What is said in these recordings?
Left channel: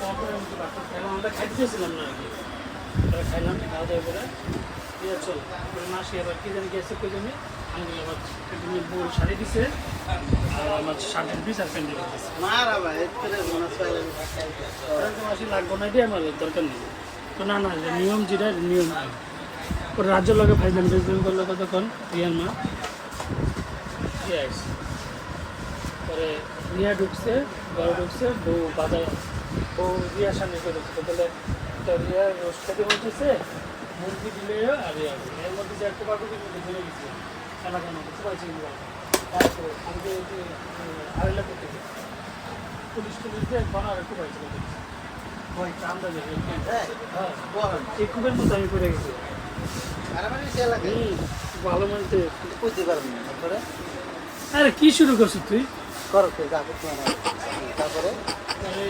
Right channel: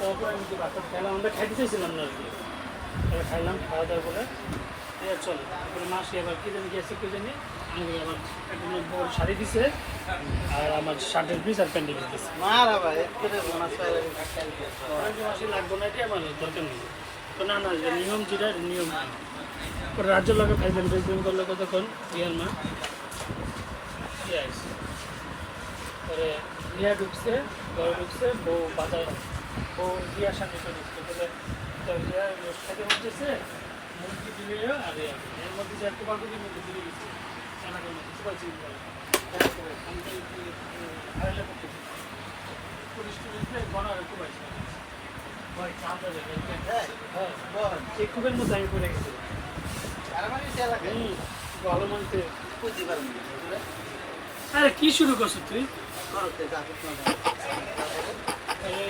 আর কি খাইলাম করে চল আবার গেছে জানি আমি আমার দিছে আর আমার দিয়ে নিয়ম যেটা নিয়ম নয়। ওর রাজ্য লগে ফাইভ তখন রিয়াল মে ঢুকছে ঘরে ঢুকছে বউ বাজার বউ বিয়ার সামনে করেছে বলে তোর রোজ খেতে বলতেছে মুরগি দিলে আর এর মধ্যে যে একটা বাবু কিন্তু ধরে গেছে আমার কোনো কিছু হয়েছে তারপরে আমি তো আড়াইলে করতে পুলিশ টুলিশ দিয়ে বানার একটু পাইছিল ভয় চামড়া দেখে হ্যাঁ এই মতো আমি করে গেছি। আরে মানে ভালো মানতে। বুঝতে আরে কি শুরু করছিস তুই? করতে যাব তারপরে?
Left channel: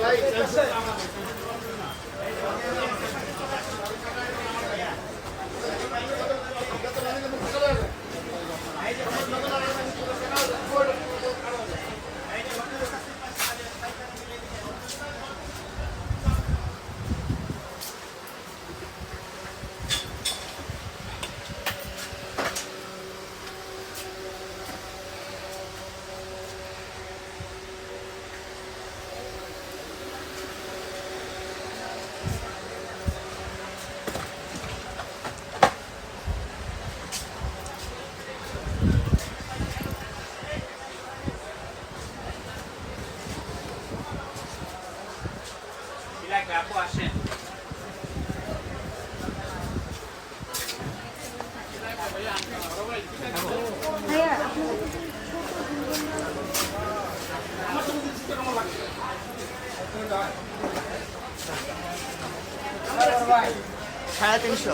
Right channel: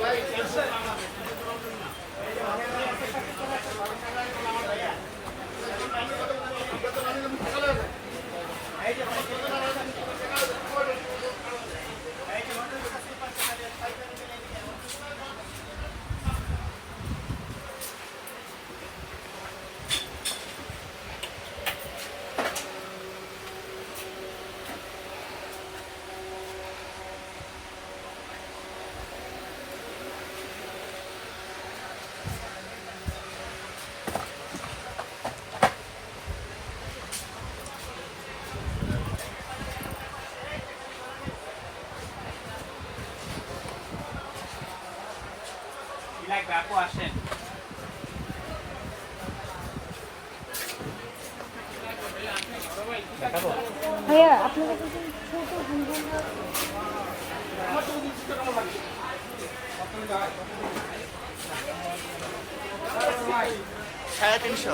Vai, vai. লাগবে আপু আসেন। ভাইয়া আপনি সাড়ে তিনশো।